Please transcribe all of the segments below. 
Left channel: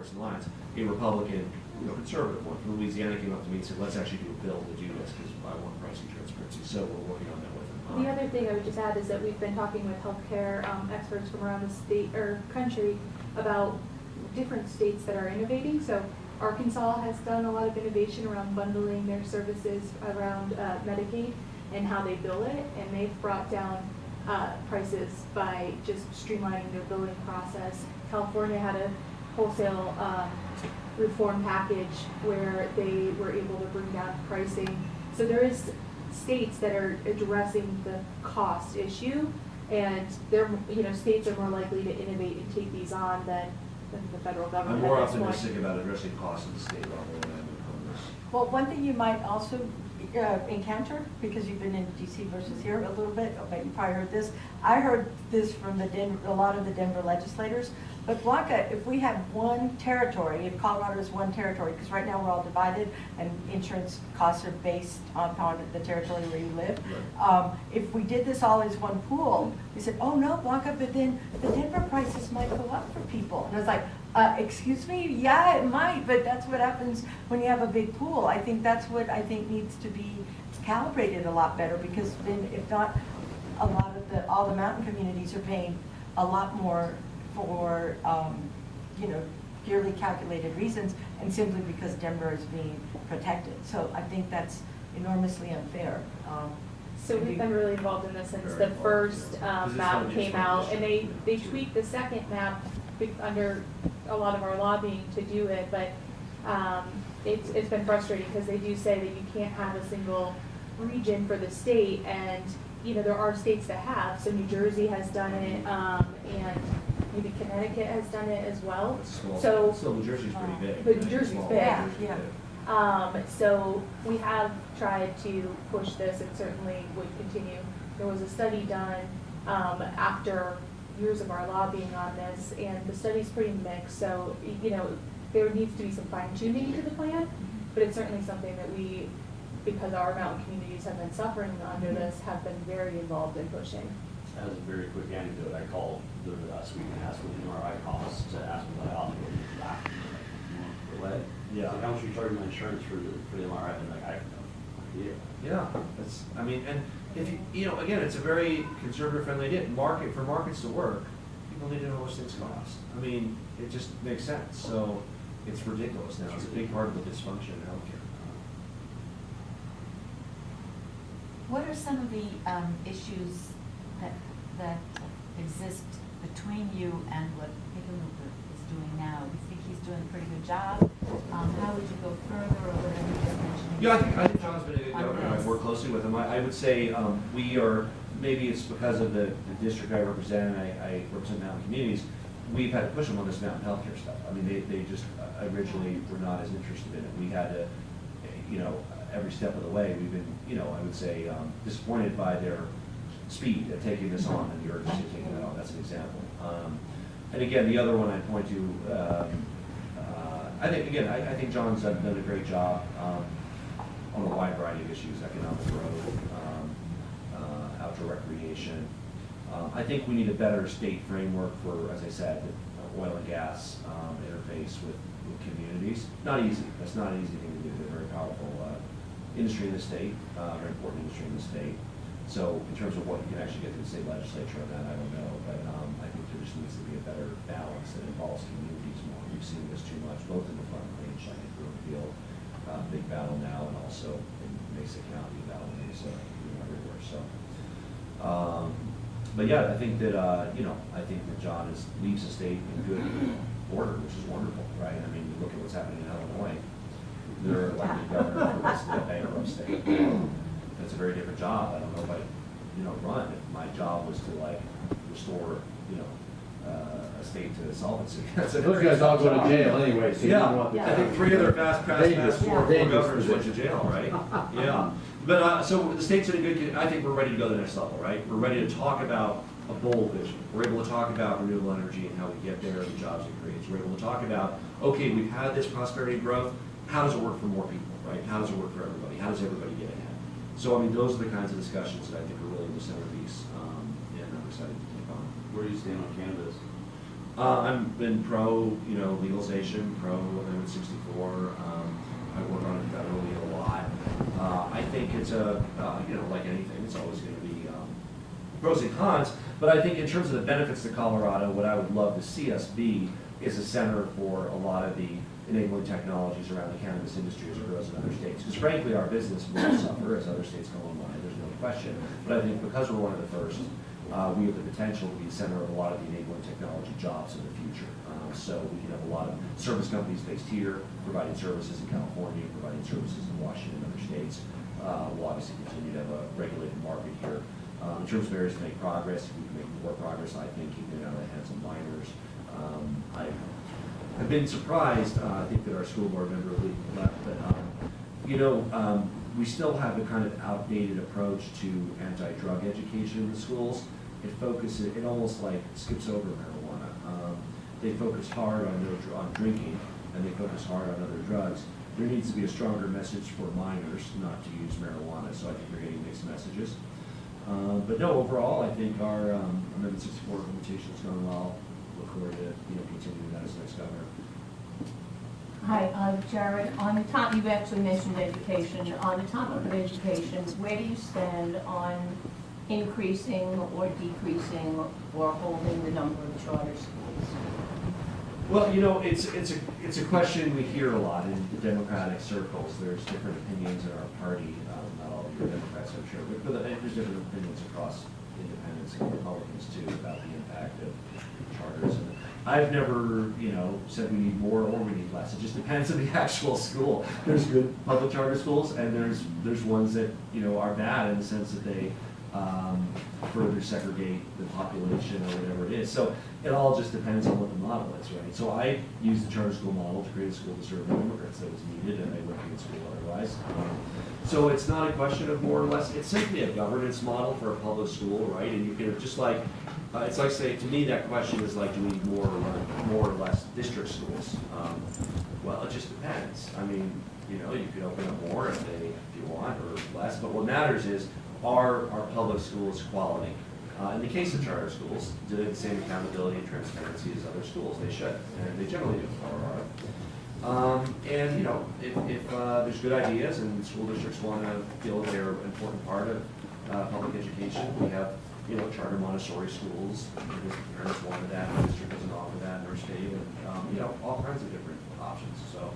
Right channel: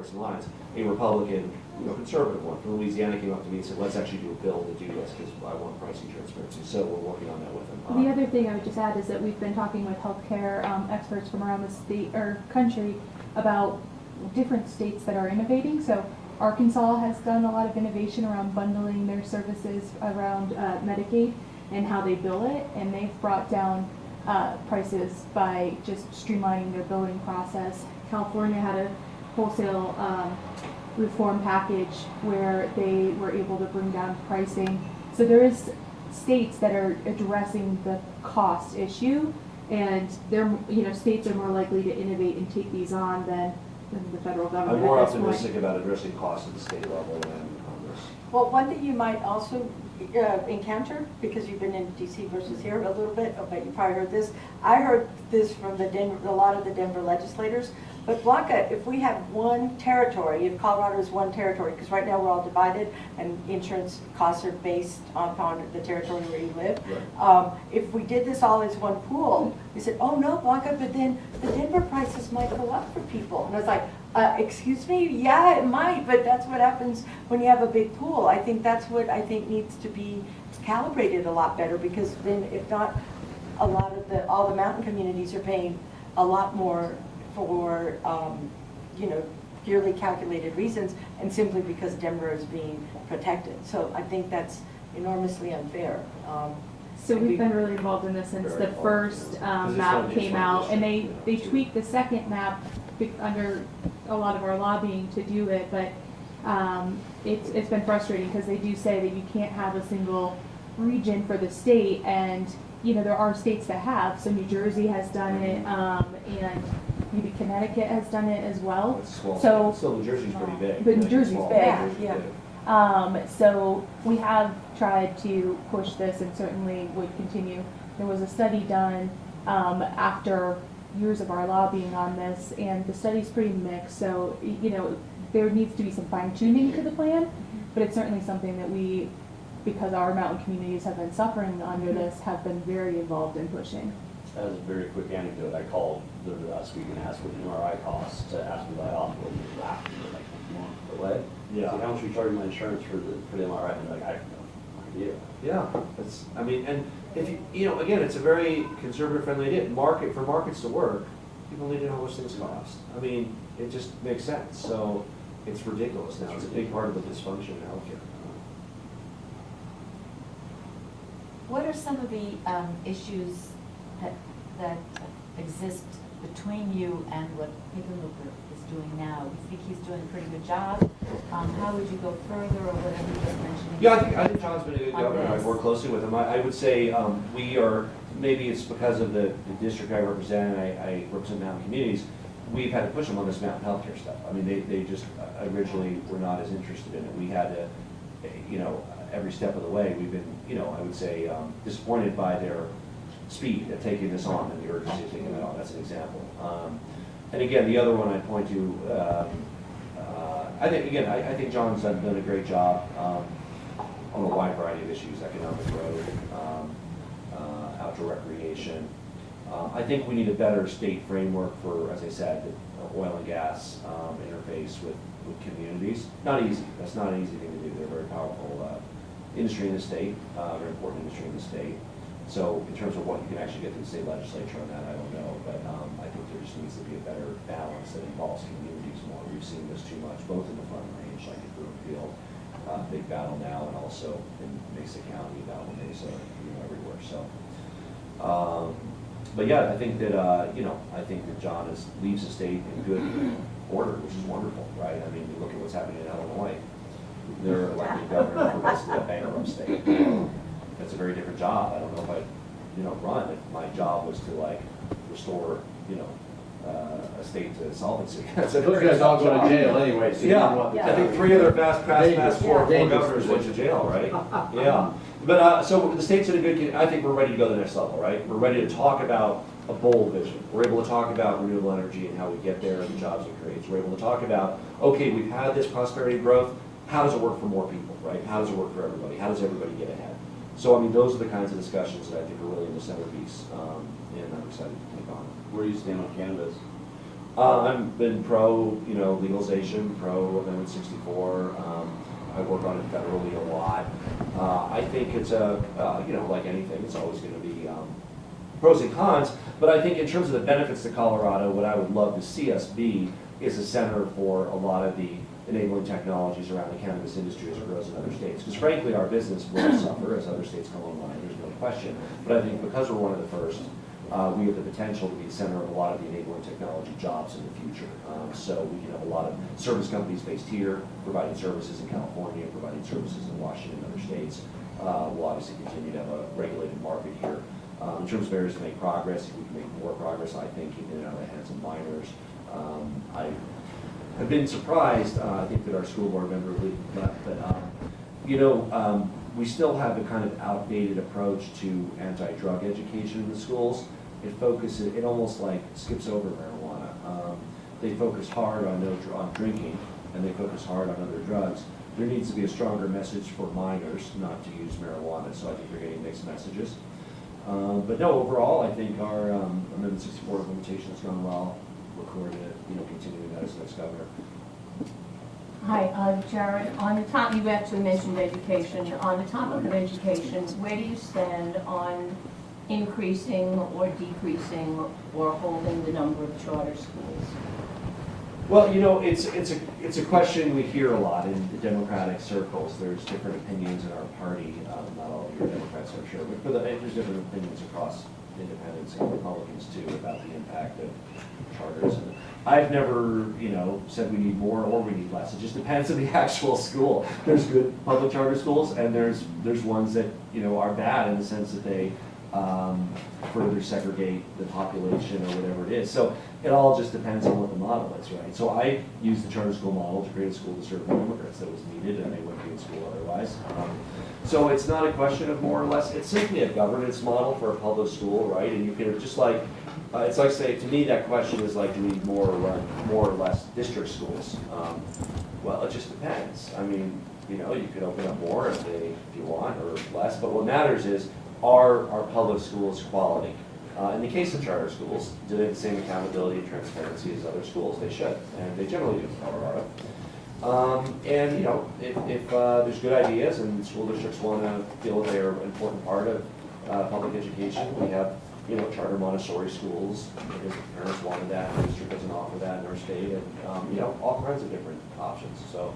partisan lines, a Republican, conservative one. From Louisiana came up to me and said, let's actually do a bill to do this because I want pricing transparency. So we're working on that with them. The other thing I would just add is that we've been talking with healthcare experts from around the state or country about different states that are innovating. So Arkansas has done a lot of innovation around bundling their services around Medicaid and how they bill it, and they've brought down prices by just streamlining their billing process. California had a wholesale reform package where they were able to bring down pricing. So there is states that are addressing the cost issue, and they're, states are more likely to innovate and take these on than the federal government. I'm more optimistic about addressing costs at the state level than Congress. Well, one thing you might also encounter, because you've been in DC versus here a little bit, but you probably heard this. I heard this from a lot of the Denver legislators. But Blanca, if we have one territory, if Colorado is one territory, because right now we're all divided and insurance costs are based on the territory where you live. Right. If we did this all as one pool, we said, oh no, Blanca, but then the Denver prices might go up for people. And I was like, excuse me? Yeah, it might, but that's what happens when you have a big pool. I think that's what I think needs to be calibrated a lot better, because then if not, all the mountain communities are paying a lot more for yearly calculated reasons, and simply because Denver is being protected. So I think that's enormously unfair. So we've been really involved in this since the first map came out, and they tweaked the second map under a lot of our lobbying to do it, but it's been frustrating because they do say that you can't have a single region for the state, and there are states that have. So New Jersey has done it, and maybe Connecticut has done it as well. So New Jersey's pretty big. But New Jersey's big. Yeah. So we have tried to push this, and certainly would continue. There was a study done after years of our lobbying on this, and the study's pretty mixed. So there needs to be some fine tuning to the plan, but it's certainly something that we, because our mountain communities have been suffering under this, have been very involved in pushing. As a very quick anecdote, I called the Aspen MRI costs to ask me about hospital use back away. Yeah. So how much are you charging my insurance for the MRI? And like, I have no idea. Yeah, and if again, it's a very conservative friendly idea. For markets to work, people need to know what things cost. I mean, it just makes sense. So it's ridiculous now. It's a big part of the dysfunction in healthcare. What are some of the issues that exist between you and what Hickenlooper is doing now? Do you think he's doing a pretty good job? How would you go further, or whatever you just mentioned? Yeah, I think John's been a good governor. I've worked closely with him. I would say we are, maybe it's because of the district I represent, and I represent mountain communities, we've had to push them on this mountain healthcare stuff. I mean, they just originally were not as interested in it. We had to, every step of the way, we've been, I would say, disappointed by their speed of taking this on and the urgency of taking it on. That's an example. And again, the other one I point to, I think John's done a great job on a wide variety of issues: economic growth, outdoor recreation. I think we need a better state framework for, as I said, the oil and gas interface with communities. Not easy. That's not an easy thing to do. They're a very powerful industry in the state, very important industry in the state. So in terms of what you can actually get to the state legislature on that, I don't know. But I think there just needs to be a better balance that involves communities more. We've seen this too much, both in the front range, like in Brookfield, big battle now, and also in Mesa County, Valley Mesa, everywhere. So, but yeah, I think that John leaves the state in good order, which is wonderful, right? I mean, you look at what's happening in Illinois. They're elected governor for basically a bankrupt state. That's a very different job. I don't know if I'd run if my job was to restore a state to solvency. Those guys all go to jail anyway. So I think 3 of their past four governors went to jail, right? Yeah. But so the state's in a good. I think we're ready to go to the next level, right? We're ready to talk about a bold vision. We're able to talk about renewable energy and how we get there and the jobs it creates. We're able to talk about, okay, we've had this prosperity growth. How does it work for more people, right? How does it work for everybody? How does everybody get ahead? So, I mean, those are the kinds of discussions that I think are really the centerpiece, and I'm excited to take on. Where do you stand on cannabis? I've been pro, legalization, pro Amendment 64. I work on it federally a lot. I think it's like anything, it's always going to be pros and cons. But I think in terms of the benefits to Colorado, what I would love to see us be is a center for a lot of the enabling technologies around the cannabis industry as it grows in other states. Because frankly, our business will suffer as other states come online, there's no question. But I think because we're one of the first, we have the potential to be the center of a lot of the enabling technology jobs in the future. So we can have a lot of service companies based here, providing services in California, providing services in Washington and other states. We'll obviously continue to have a regulated market here. In terms of areas to make progress, if we can make more progress, I think keeping out of the hands of minors. I have been surprised, I think that our school board member left, but we still have the kind of outdated approach to anti-drug education in the schools. It almost like skips over marijuana. They focus hard on drinking, and they focus hard on other drugs. There needs to be a stronger message for minors not to use marijuana, so I think they're getting mixed messages. But no, overall, I think our Amendment 64 implementation has gone well. Look forward to continuing that as next governor. Hi, I'm Jared. On the top, you actually mentioned education. On the topic of education, where do you stand on increasing or decreasing or holding the number of charter schools? Well, it's a question we hear a lot in Democratic circles. There's different opinions in our party. Not all of the Democrats, I'm sure, but there's different opinions across independents and Republicans too about the impact of charters. And I've never, said we need more or we need less. It just depends on the actual school. There's good public charter schools, and there's ones that are bad in the sense that they further segregate the population or whatever it is. So it all just depends on what the model is, right? So I used the charter school model to create a school to serve more immigrants that was needed, and they wouldn't be in school otherwise. So it's not a question of more or less. It's simply a governance model for a public school, right? And you can just like it's like saying to me that question is like, do we need more or less district schools? Well, it just depends. I mean, you could open up more if you want, or less. But what matters is, are our public schools quality? In the case of charter schools, do they have the same accountability and transparency as other schools? They should, and they generally do in Colorado. And if there's good ideas and school districts want to feel that they're an important part of public education, we have charter Montessori schools. If parents wanted that, the district doesn't offer that in our state, and all kinds of different options. So,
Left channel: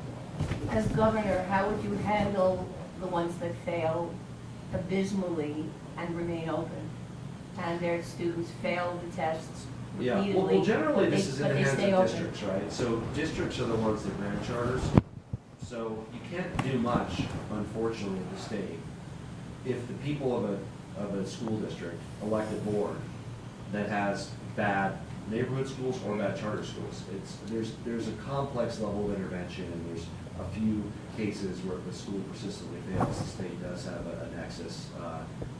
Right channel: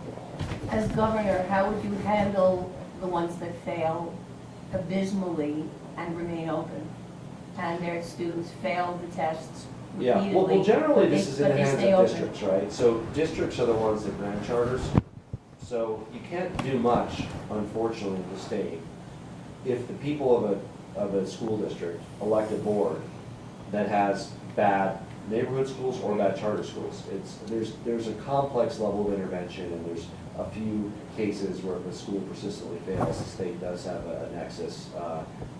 As governor, how would you handle the ones that fail abysmally and remain open, and their students fail the tests yeah, repeatedly, well, generally this is in but the they hands stay of open? districts, right? So districts are the ones that grant charters. So you can't do much, unfortunately, with the state if the people of a school district elect a board that has bad neighborhood schools or bad charter schools. There's a complex level of intervention, and there's a few cases where if the school persistently fails, the state does have a nexus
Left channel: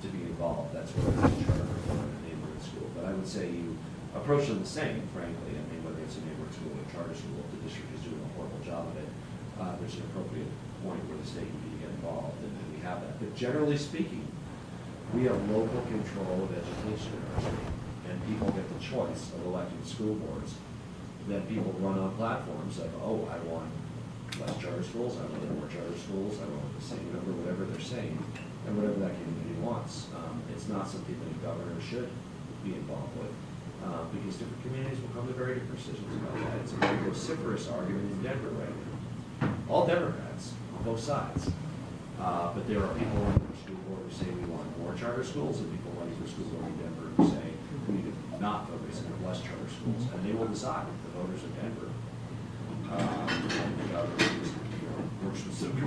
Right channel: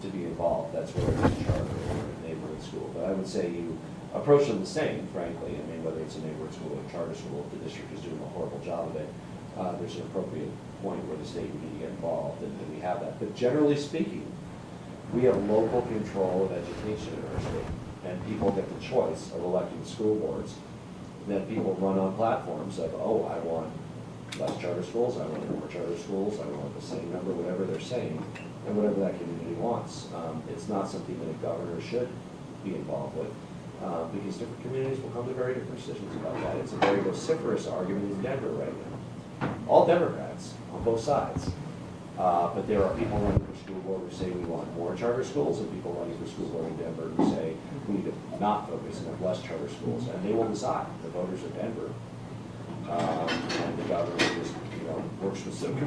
to be involved. That's whether it's a charter or a neighborhood school. But I would say you approach them the same, frankly. I mean, whether it's a neighborhood school or a charter school, if the district is doing a horrible job of it, there's an appropriate point where the state would need to get involved, and we have that. But generally speaking, we have local control of education in our state, and people get the choice of electing school boards. Then people run on platforms of, I want less charter schools, I want more charter schools, I want the same number, whatever they're saying, and whatever that community wants. It's not something that a governor should be involved with, because different communities will come to very different decisions about that. It's a very vociferous argument in Denver right now. All Democrats on both sides. But there are people running for school board who say we want more charter schools, and people running for school board in Denver who say we need to not focus and have less charter schools, and they will decide, the voters of Denver. And the governor just,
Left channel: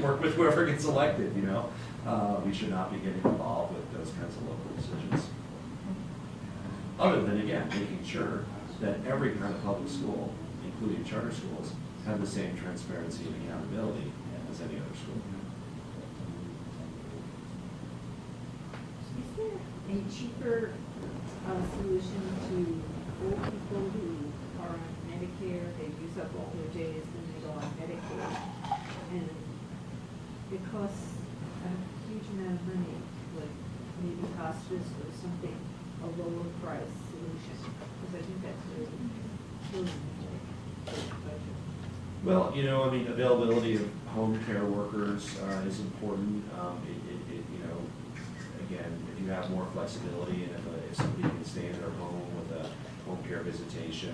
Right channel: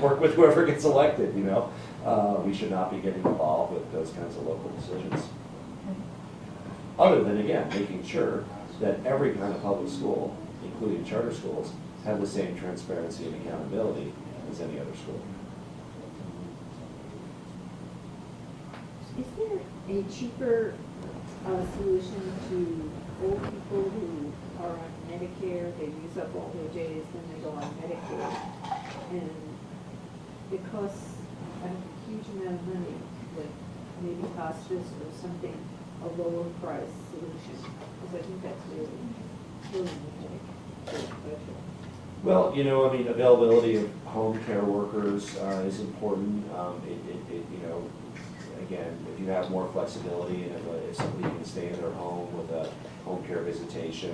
work with whoever gets elected, We should not be getting involved with those kinds of local decisions. Other than, again, making sure that every kind of public school, including charter schools, have the same transparency and accountability as any other school. Is it a cheaper solution to old people who are on Medicare? They use up all their days, then they go on Medicare, and it costs a huge amount of money, but maybe hospice or something, a lower price solution, because I think that's really important. Well, you know, I mean, availability of home care workers is important. You know, again, if you have more flexibility and if somebody can stay in their home with a home care visitation,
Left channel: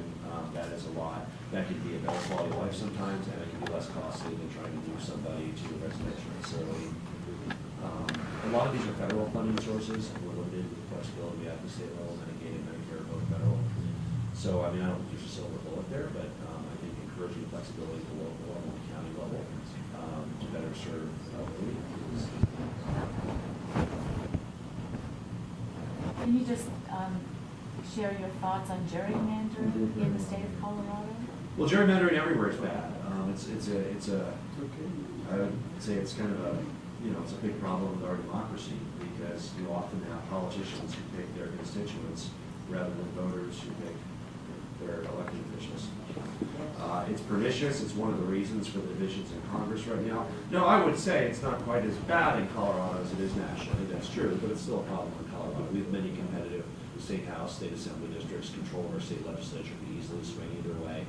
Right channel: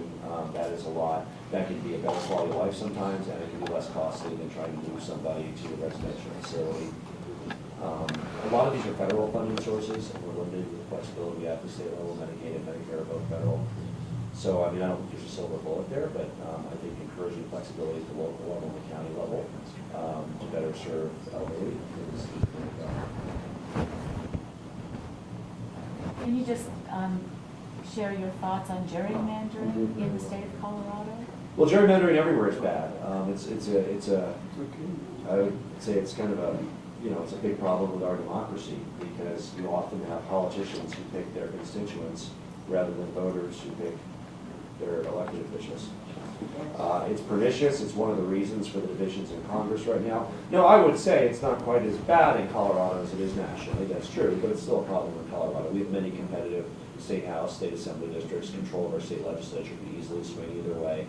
that is a lot. That can be a better quality of life sometimes, and it can be less costly than trying to move somebody to a residential facility. A lot of these are federal funding sources, and we're limited with flexibility at the state level, Medicaid and Medicare, both federal. So, I mean, I don't think there's a silver bullet there, but I think encouraging flexibility at the local level and the county level to better serve the elderly is Can you just share your thoughts on gerrymandering in the state of Colorado? Well, gerrymandering everywhere is bad. I would say it's kind of a, you know, it's a big problem with our democracy because you often have politicians who pick their constituents rather than voters who pick their elected officials. It's pernicious. It's one of the reasons for the divisions in Congress right now. No, I would say it's not quite as bad in Colorado as it is nationally. That's true, but it's still a problem in Colorado. We have many competitive state house, state assembly districts. Control of our state legislature can easily swing either way.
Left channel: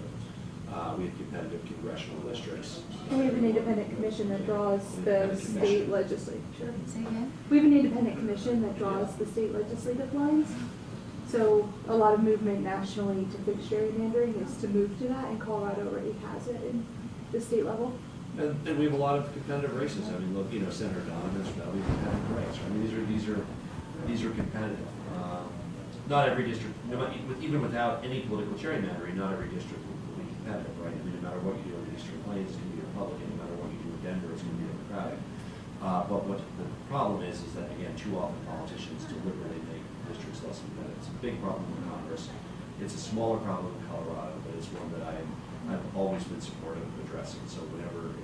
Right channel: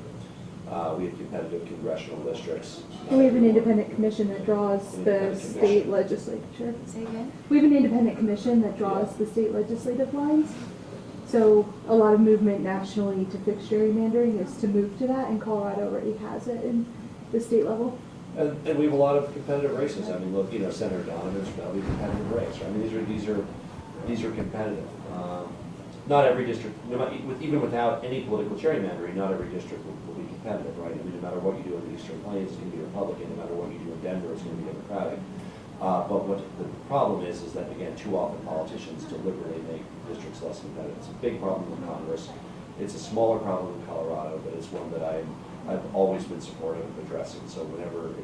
We have competitive congressional districts. We have an independent commission that draws the state legislature. Say again? We have an independent commission that draws the state legislative lines. So a lot of movement nationally to fix gerrymandering is to move to that, and Colorado already has it in the state level. And we have a lot of competitive races. I mean, look, you know, Senator Dominor's fairly competitive race. Right? I mean, these are competitive. Not every district, even without any political gerrymandering, not every district will be competitive, right? I mean, no matter what you do in the District Plains, it's going to be Republican. No matter what you do in Denver, it's going to be Democratic. But what the problem is that, again, too often politicians deliberately make districts less competitive. It's a big problem in Congress. It's a smaller problem in Colorado, but it's one that I've always been supportive of addressing. So if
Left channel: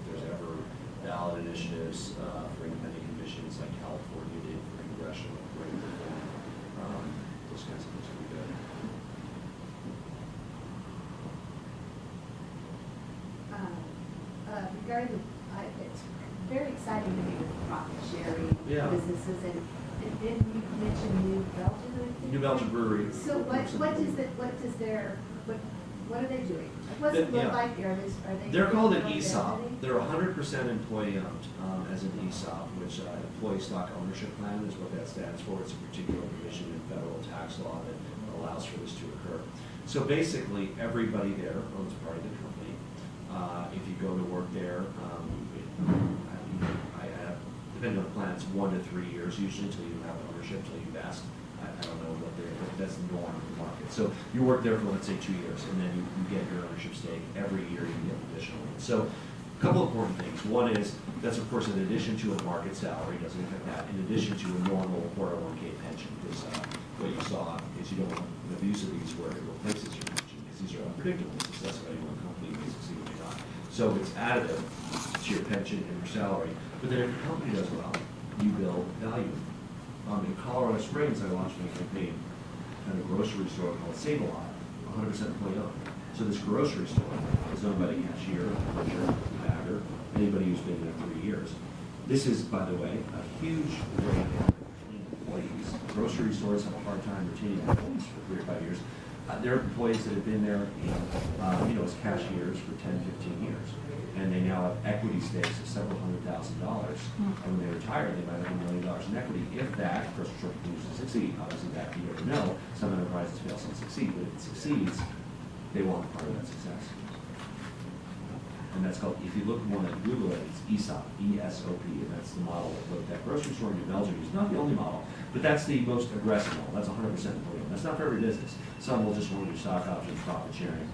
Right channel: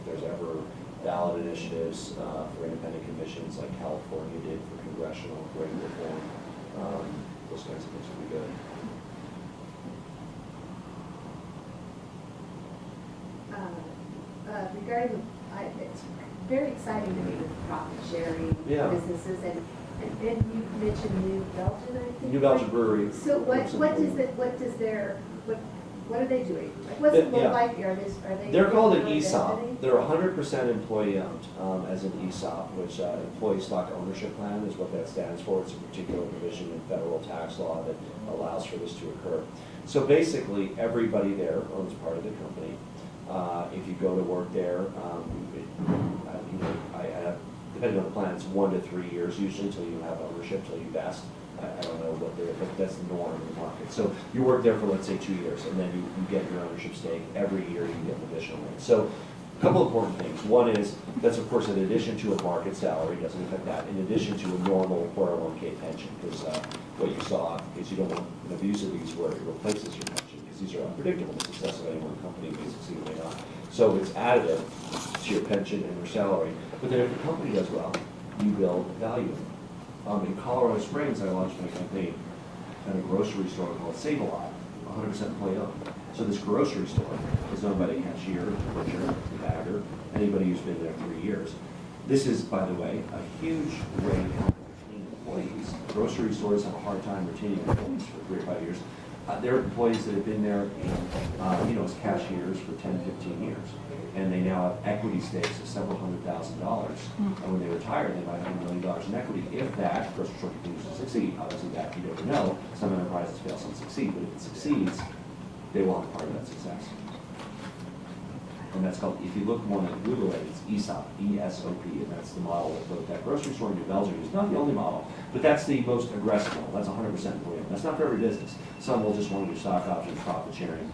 there's ever ballot initiatives for independent commissions like California did for congressional rate reform, those kinds of things would be good. Regarding, it's very exciting to me with profit sharing businesses, and then you mentioned New Belgium, I think. New Belgium Brewery. So what are they doing? What's it look like? They're called an ESOP. They're 100% employee owned as an ESOP, which Employee Stock Ownership Plan is what that stands for. It's a particular provision in federal tax law that allows for this to occur. So basically, everybody there owns part of the company. If you go to work there, depending on the plan, it's 1 to 3 years usually till you have ownership, till you vest. I don't know what but that's the norm in the market. So you work there for, let's say, 2 years, and then you get your ownership stake. Every year you get additional. So a couple important things. One is, that's of course in addition to a market salary, doesn't affect that, in addition to a normal 401k pension, because what you saw, because you don't want an abuse of these where it replaces your pension, because these are unpredictable. The success of any one company may succeed or may not. So it's additive to your pension and your salary. But then if the company does well, you build value. In Colorado Springs, I launched a campaign at a grocery store called Save-A-Lot, 100% employee owned. So this grocery store is owned by the cashier, the butcher, the bagger, anybody who's been there 3 years. This is, by the way, a huge way to retain employees. Grocery stores have a hard time retaining employees for 3 or 5 years. There are employees that have been there, as cashiers for 10, 15 years. And they now have equity stakes of several $100,000. And when they retire, they might have $1 million in equity. If that grocery store continues to succeed, obviously that you never know. Some enterprises fail, some succeed. But if it succeeds, they want part of that success. And that's called, if you look more on Google it, it's ESOP, E-S-O-P, and that's the model that grocery store in New Belgium is not the only model, but that's the most aggressive model. That's 100% employee. That's not for every business. Some will just want to do stock options, profit sharing.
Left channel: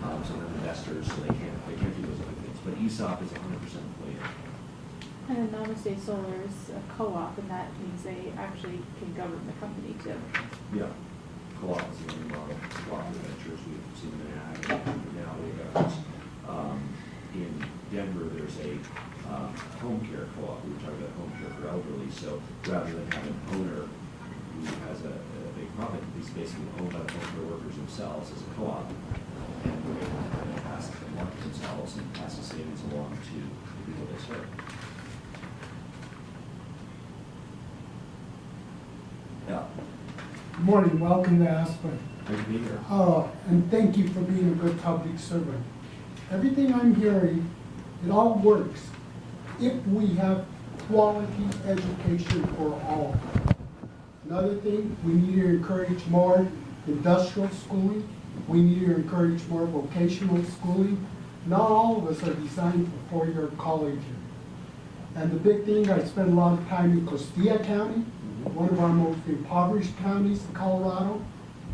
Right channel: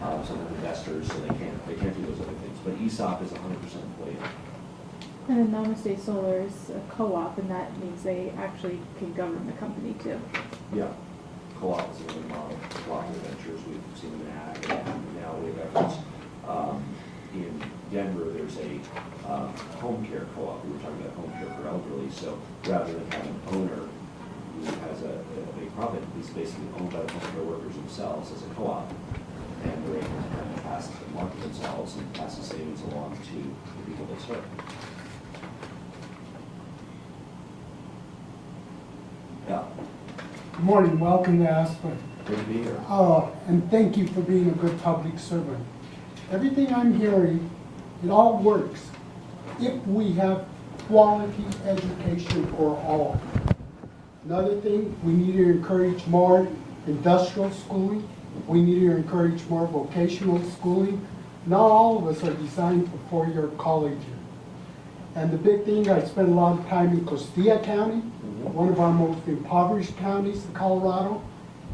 Some are investors, so they can't do those other things. But ESOP is 100% employee. And then Namaste Solar is a co-op, and that means they actually can govern the company too. Yeah, co-op is a new model. Cooperative ventures we've seen that. Now we have in Denver. There's a home care co-op. We were talking about home care for elderly. So rather than having an owner who has a big profit, he's basically owned by the home care workers themselves as a co-op. And they can kind of pass the market themselves and pass the savings along to the people they serve. Yeah. Good morning, welcome to Aspen. Good to be here. And thank you for being a good public servant. everything I'm hearing, it all works if we have quality education for all. Another thing, we need to encourage more industrial schooling. We need to encourage more vocational schooling. Not all of us are designed for four-year college. And the big thing, I spent a lot of time in Costilla County, one of our most impoverished counties in Colorado,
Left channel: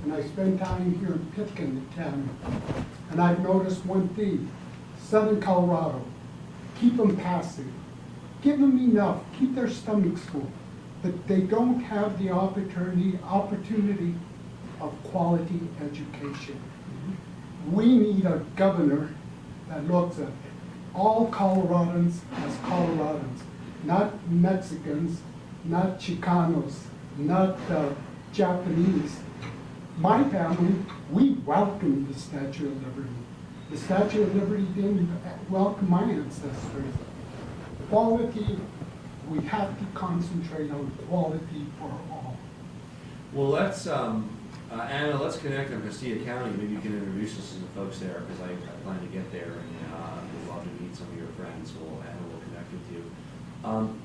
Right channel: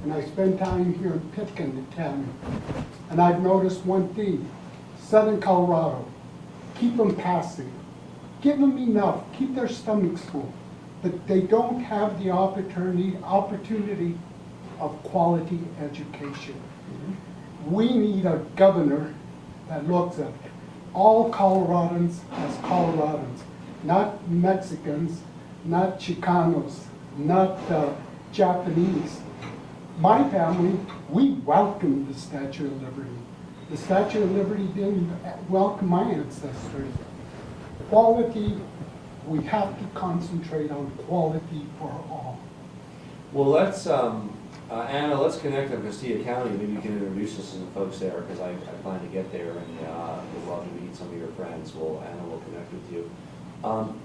and I spent time here in Pitkin County. And I've noticed one thing, Southern Colorado, keep them passive. Give them enough, keep their stomachs full, but they don't have the opportunity of quality education. We need a governor that looks at all Coloradans as Coloradans, not Mexicans, not Chicanos, not Japanese. My family, we welcomed the Statue of Liberty. The Statue of Liberty didn't welcome my ancestors. Quality, we have to concentrate on quality for all. Well, let's, Anna, let's connect on Castilla County. Maybe you can introduce us to the folks there, because I plan to get there, and we'd love to meet some of your friends. Anna will connect with you.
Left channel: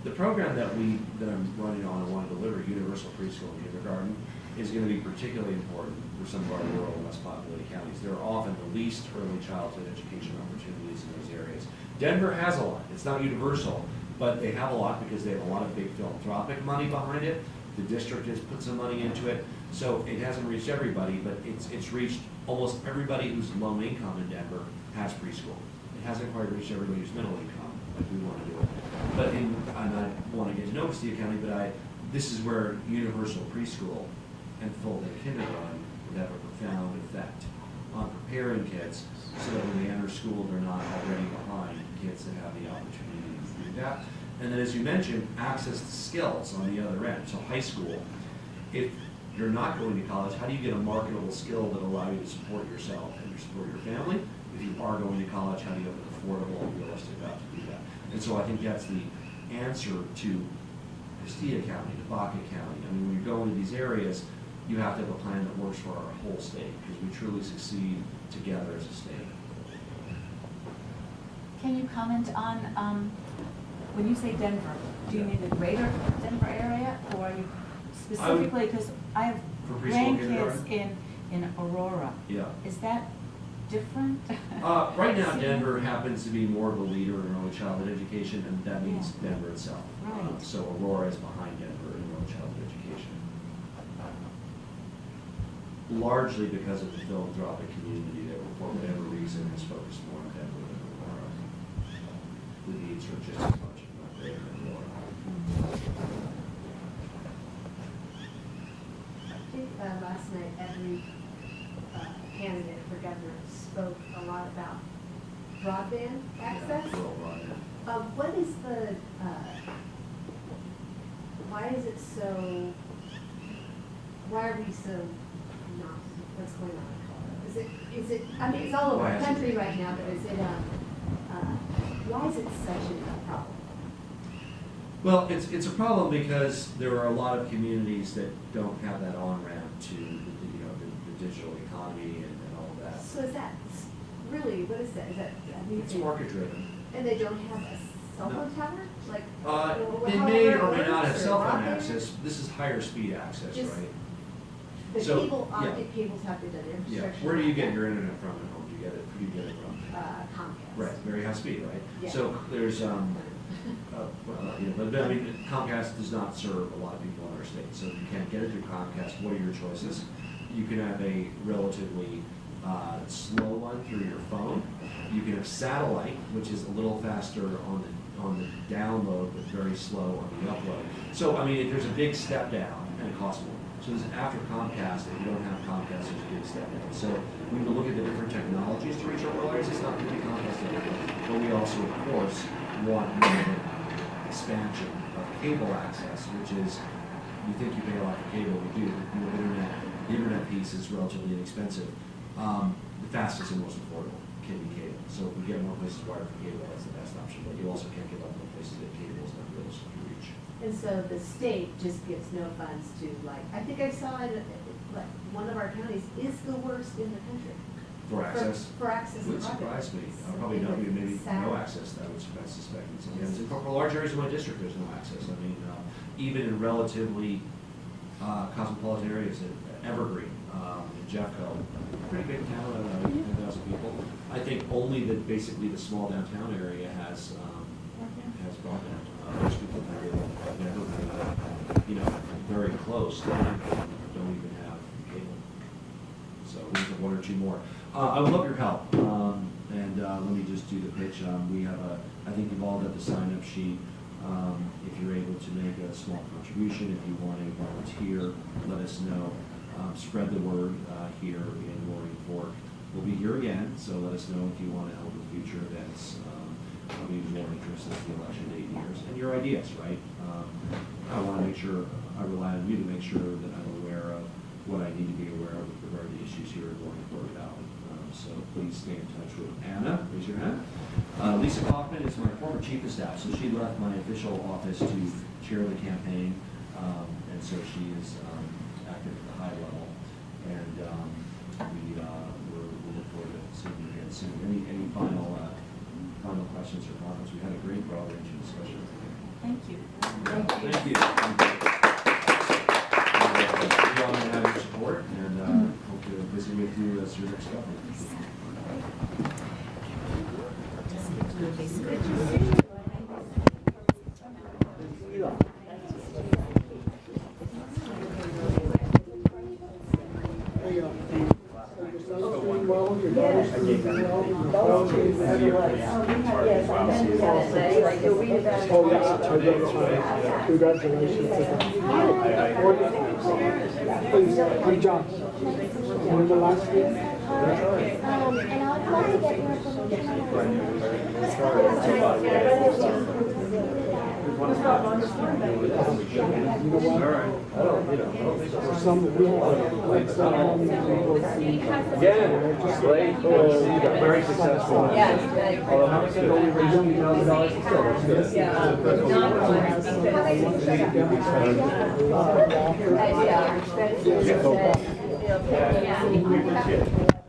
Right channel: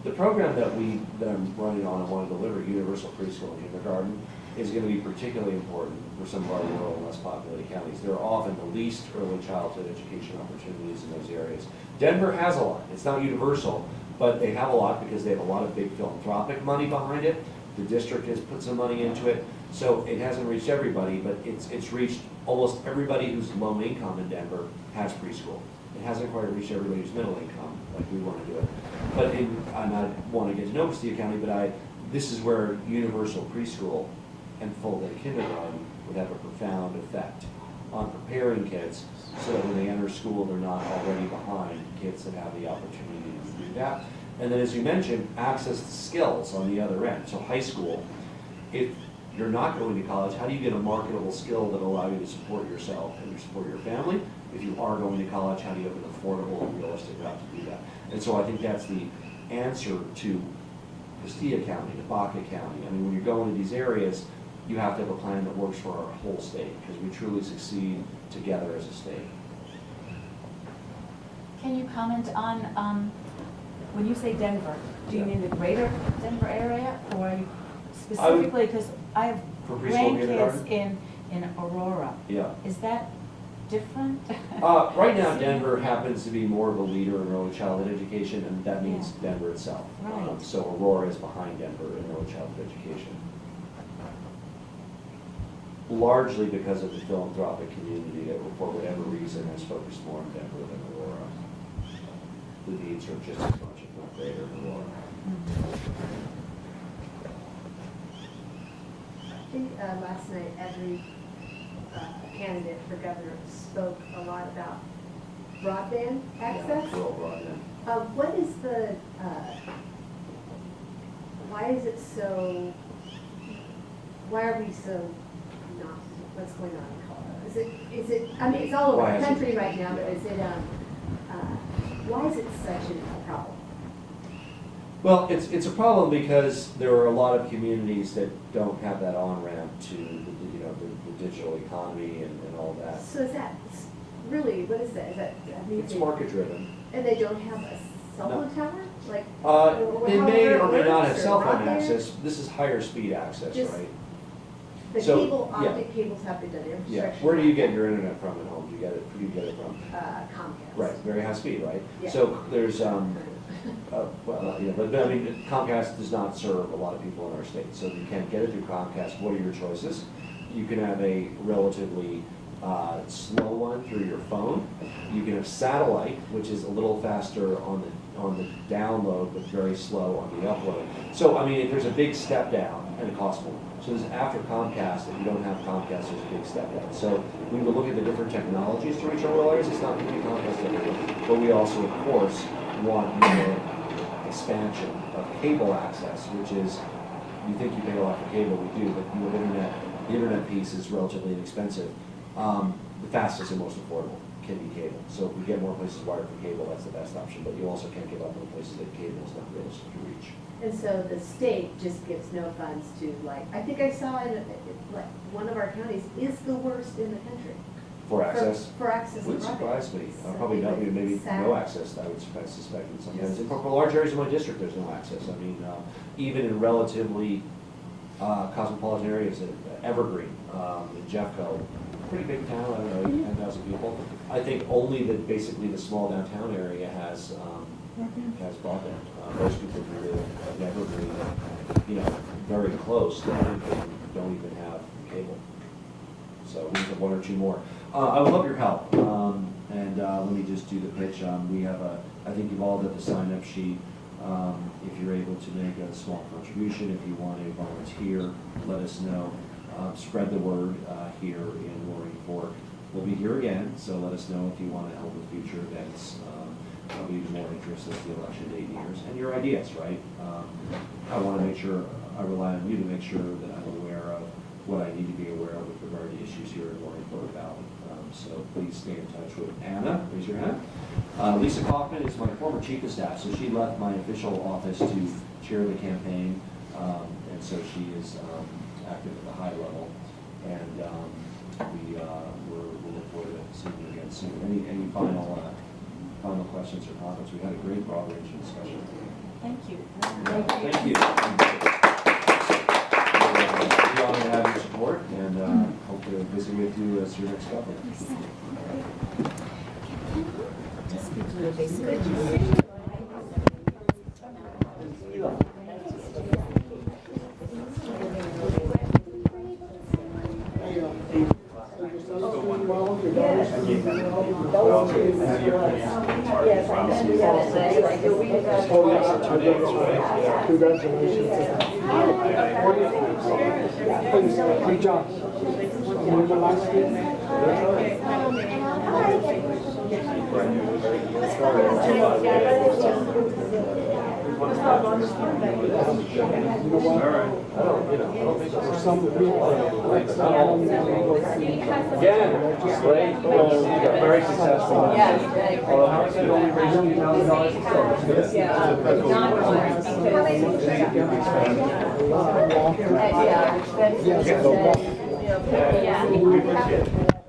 The program that I'm running on and want to deliver, Universal Preschool and Kindergarten, is going to be particularly important for some of our rural and less populated counties. There are often the least early childhood education opportunities in those areas. Denver has a lot. It's not universal, but they have a lot because they have a lot of big philanthropic money behind it. The district has put some money into it. So it hasn't reached everybody, but it's reached almost everybody who's low income in Denver has preschool. It hasn't quite reached everybody who's middle income, like we want to do it. But and I want to get to know Castilla County, but this is where universal preschool and full-day kindergarten would have a profound effect on preparing kids so that when they enter school, they're not already behind kids that have the opportunity to do that. And then, as you mentioned, access to skills on the other end. So high school, if you're not going to college, how do you get a marketable skill that will allow you to support yourself and support your family? If you are going to college, how do you have an affordable and realistic route to do that? And so I think that's the answer to Castilla County, to Baca County. I mean, when you're going to these areas, you have to have a plan that works for our whole state, because we truly succeed together as a state. Can you comment on, when you say Denver, do you mean the greater Denver area, or specifically, because I have grandkids in Aurora. Yeah. Is that different? Right now, Denver happens to be more of a leader in early childhood education, and that means Denver itself. Right. So Aurora is behind Denver in early childhood education. Largely because of the philanthropic community that, for whatever reason, has focused more on Denver than Aurora. The needs are just as much, if not greater, in Aurora. I think last night every candidate for governor spoke a lot about broadband access. Yeah, rural broadband. What is the, why is it so, why are we so not, what's going on in Colorado? Is it, I mean, it's all over the country right now, but is it, why is it such a problem? Well, it's a problem because there are a lot of communities that don't have that on-ramp to the digital economy and all that. So is that really, what is that? Is that It's market-driven. And they don't have a cell phone tower? Like, they may or may not have cell phone access. This is higher speed access, right? The So, cable, yeah. optic cables have to go there. Yeah. Where do you get your internet from at home? Do you get it from? Comcast. Right, very high speed, right? Yeah. So there's, but I mean, Comcast does not serve a lot of people in our state, so you can't get it through Comcast. What are your choices? You can have a relatively slow one through your phone. You can have satellite, which is a little faster on the download, but very slow on the upload. So I mean, there's a big step down, and it costs more. So this after Comcast, if you don't have Comcast, there's a big step down. So we will look at the different technologies to reach our rural areas. It's not going to be Comcast everywhere, but we also, of course, want more expansion of cable access, which is, you think you pay a lot for cable, we do, but the internet piece is relatively inexpensive. The fastest and most affordable can be cable. So if we get more places wired for cable, that's the best option, but you also can't give up on places that cable is not realistic to reach. And so the state just gets no funds to, like, I think I saw in one of our counties is the worst in the country. For access? For access to Wouldn't property. surprise me. Probably no, maybe no access, I would suspect in some areas. For large areas of my district, there's no access. I mean, even in relatively cosmopolitan areas, Evergreen, in Jeffco, pretty big town, I don't know, 10,000 people. I think only basically the small downtown area has broadband. Most people who live in Evergreen, very close to everything, don't even have cable. So we have one or two more. I would love your help. And let me just do the pitch. We have I think we've all got the sign-up sheet. If you're able to make a small contribution, if you want to volunteer, let us know. Spread the word here in Roaring Fork. We'll be here again, so let us know if you want to help with future events. I'll be more interested in the election date years and your ideas, right? I want to make sure, I rely on you to make sure that I'm aware of what I need to be aware of with regard to issues here in Roaring Fork Valley. So please stay in touch with Anna. Raise your hand. Lisa Kaufman is my former chief of staff, so she left my official office to chair the campaign, and so she is active at the high level. And we're looking forward to seeing you again soon. Any final questions or comments? We had a great broad-ranging discussion. Thank you. Thank you. We're honored to have your support, and hope to visit with you as your next governor. Congratulations. Good job. Remember last year? Very successful. Yeah. Although how much only raised $2,000 still? Yeah.